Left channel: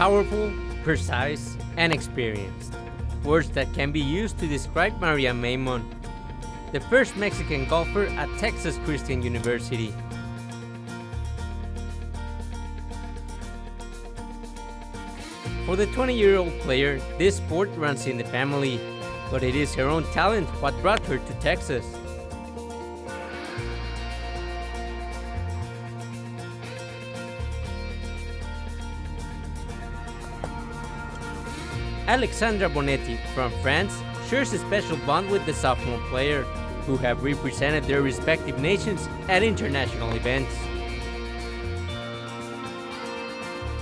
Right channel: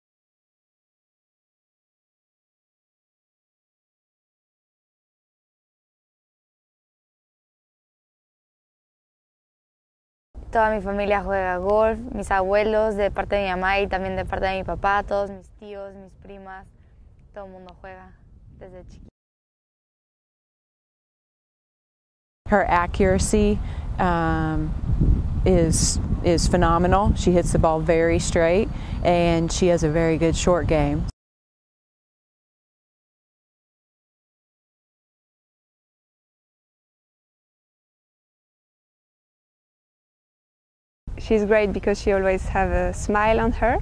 Powerful, precise, and experienced. Words that can be used to describe Maria Maimon, the first Mexican golfer at Texas Christian University. Toda mi familia juega golf, mis abuelos de parte de mi mamá y también de parte de mi papá, todos. For the 20-year-old player, this sport runs in the family, but it is her own talent what brought her to Texas. Her accuracy is phenomenal. She hits the ball very straight, and she has a very good short game. Alexandra Bonetti from France shares a special bond with the sophomore player, who have represented their respective nations at international events. She's great because she always has a smile on her.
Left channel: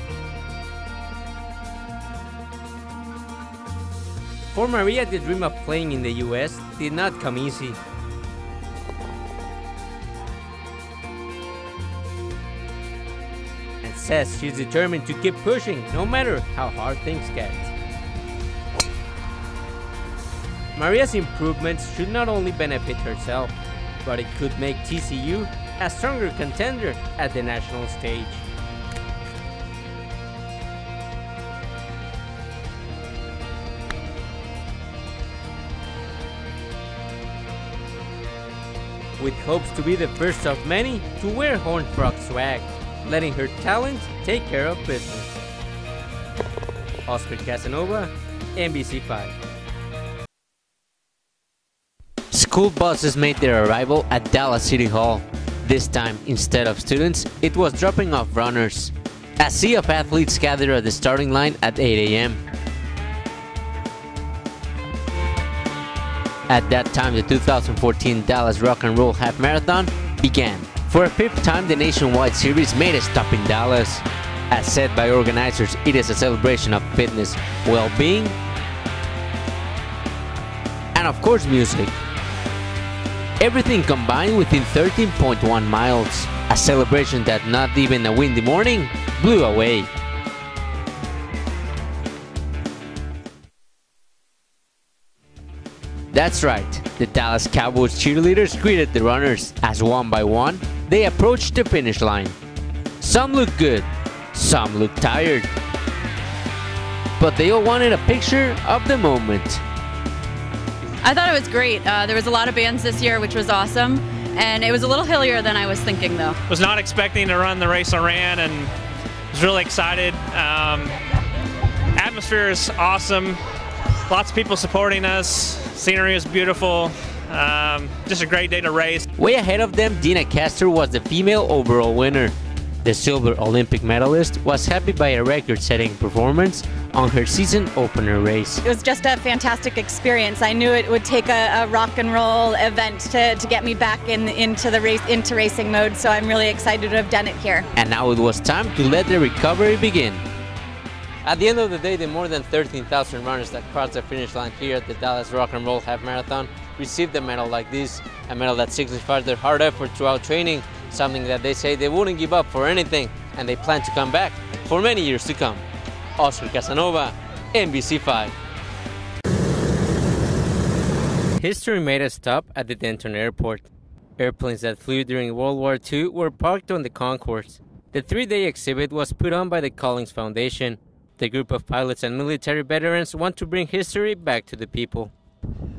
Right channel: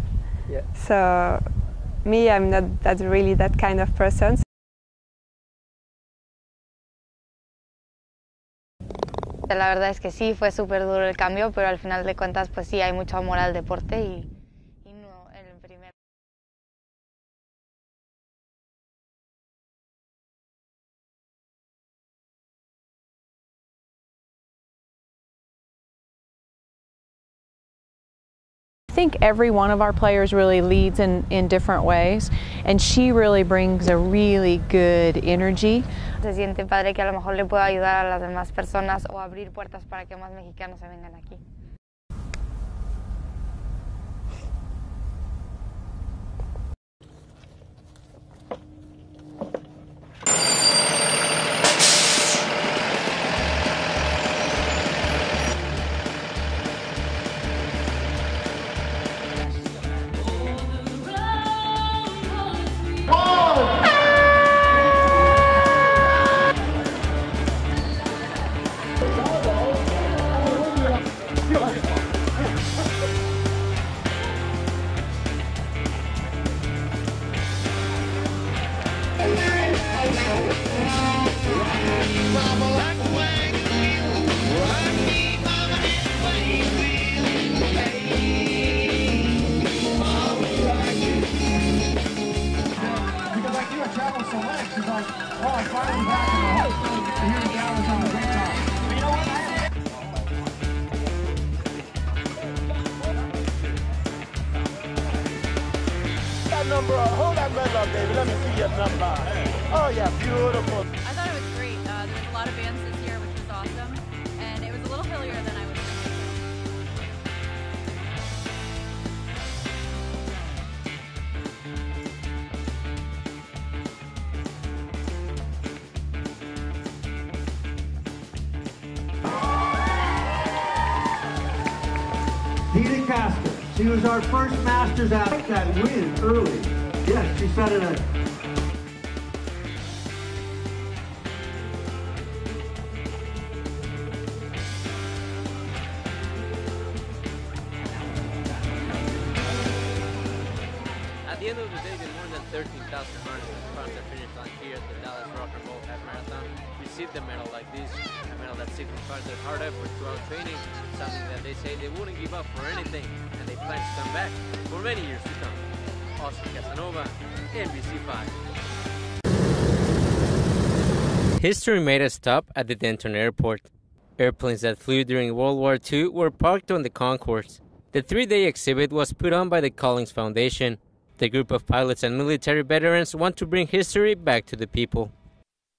Yeah. So me, I'm not really that kind of person. For Maria, the dream of playing in the US did not come easy. La verdad es que sí, fue súper duro el cambio, pero al final de cuentas, pues sí, hay mucho amor al deporte. Says she's determined to keep pushing, no matter how hard things get. Maria's improvements should not only benefit herself, but it could make TCU a stronger contender at the national stage. I think every one of our players really leads in different ways, and she really brings a really good energy. Se siente padre que a lo mejor le pueda ayudar a las demás personas. With hopes to be the first of many to wear Horned Frog swag, letting her talent take care of business. Oscar Casanova, NBC5. School buses made their arrival at Dallas City Hall. This time, instead of students, it was dropping off runners. A sea of athletes gathered at the starting line at 8 a.m. At that time, the 2014 Dallas Rock and Roll Half Marathon began. For a fifth time, the nationwide series made a stop in Dallas. As said by organizers, it is a celebration of fitness, well-being, and of course music. Everything combined within 13.1 miles. A celebration that not even a windy morning blew away. That's right, the Dallas Cowboys cheerleaders greeted the runners as one by one they approached the finish line. Some looked good, some looked tired, but they all wanted a picture of the moment. I thought it was great. There was a lot of bands this year, which was awesome, and it was a little hillier than I was thinking, though. Was not expecting to run the race I ran, and was really excited. Atmosphere is awesome. Lots of people supporting us. Scenery is beautiful. Just a great day to race. Way ahead of them, Dina Castor was the female overall winner. The silver Olympic medalist was happy by a record-setting performance on her season opener race. It was just a fantastic experience. I knew it would take a rock and roll event to get me back into racing mode, so I'm really excited to have done it here. And now it was time to let the recovery begin. At the end of the day, the more than 13,000 runners that crossed the finish line here at the Dallas Rock and Roll Half Marathon received a medal like this, a medal that signifies their hard effort throughout training, something that they say they wouldn't give up for anything, and they plan to come back for many years to come. Oscar Casanova, NBC5. History made a stop at the Denton Airport. Airplanes that flew during World War II were parked on the concourse. The three-day exhibit was put on by the Collins Foundation. The group of pilots and military veterans want to bring history back to the people.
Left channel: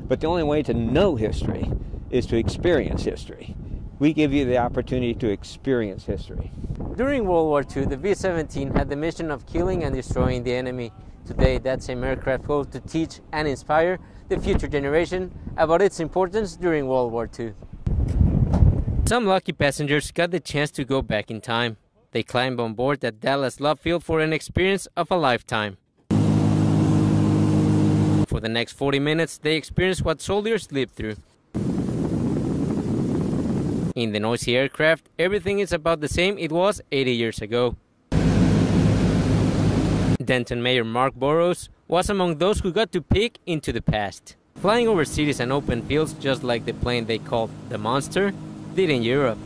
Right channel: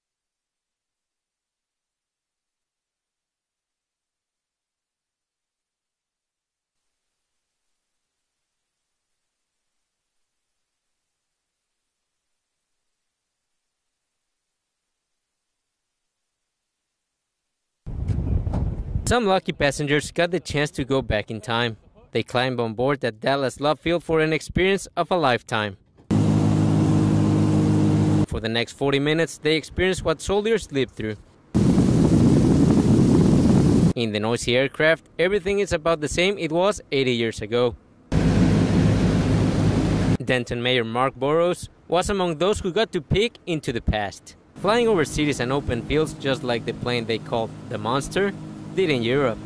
But the only way to know history is to experience history. We give you the opportunity to experience history. During World War II, the V-17 had the mission of killing and destroying the enemy. Today, that same aircraft goes to teach and inspire the future generation about its importance during World War II. Some lucky passengers got the chance to go back in time. They climbed on board at Dallas Love Field for an experience of a lifetime. For the next 40 minutes, they experienced what soldiers lived through. In the noisy aircraft, everything is about the same it was 80 years ago. Denton Mayor Mark Burrows was among those who got to peek into the past. Flying over cities and open fields just like the plane they called the Monster did in Europe.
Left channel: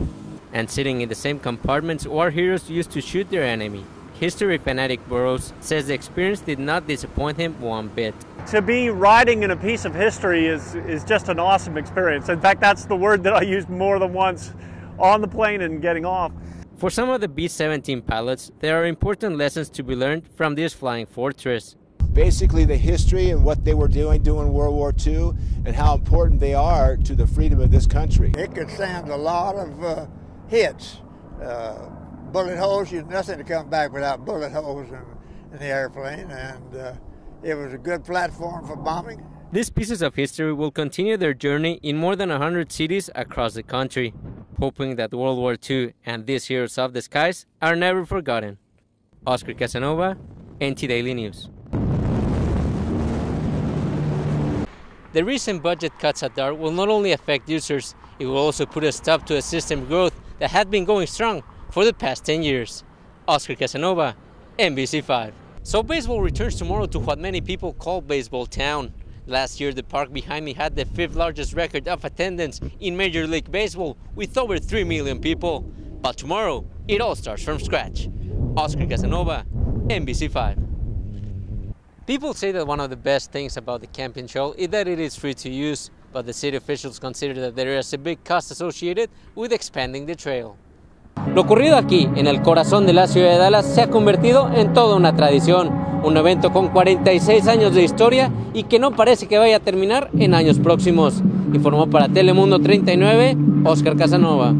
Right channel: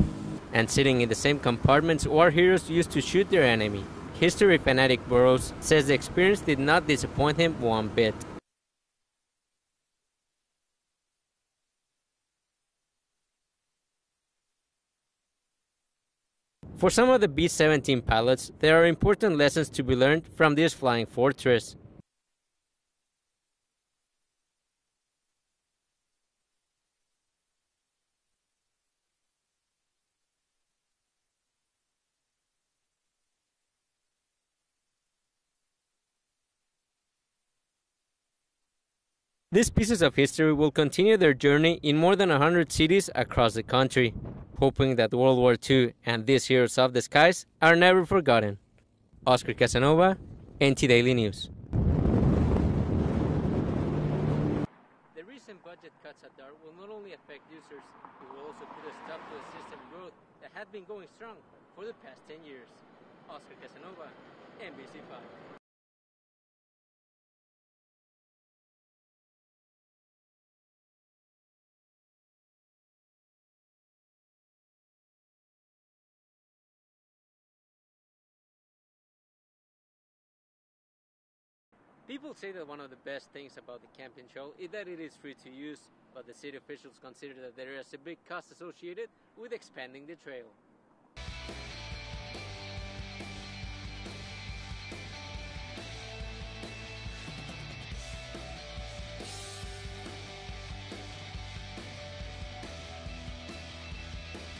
And sitting in the same compartments war heroes used to shoot their enemy. History fanatic Burrows says the experience did not disappoint him one bit. To be riding in a piece of history is just an awesome experience. In fact, that's the word that I used more than once on the plane and getting off. For some of the B-17 pilots, there are important lessons to be learned from this flying fortress. Basically the history and what they were doing World War II and how important they are to the freedom of this country. It could stand a lot of hits. Bullet holes, nothing to come back without bullet holes in the airplane, and it was a good platform for bombing. These pieces of history will continue their journey in more than 100 cities across the country, hoping that World War II and these heroes of the skies are never forgotten. Oscar Casanova, NT Daily News. The recent budget cuts at DART will not only affect users, it will also put a stop to a system growth that had been going strong for the past 10 years. Oscar Casanova, NBC5. So baseball returns tomorrow to what many people call Baseball Town. Last year, the park behind me had the 5th largest record of attendance in Major League Baseball with over 3 million people. But tomorrow, it all starts from scratch. Oscar Casanova, NBC5. People say that one of the best things about the camping trail is that it is free to use, but the city officials consider that there is a big cost associated with expanding the trail. Lo ocurrido aquí, en el corazón de la ciudad de Dallas, se ha convertido en toda una tradición, un evento con 46 años de historia y que no parece que vaya a terminar en años próximos. Informó para Telemundo 39, Oscar Casanova.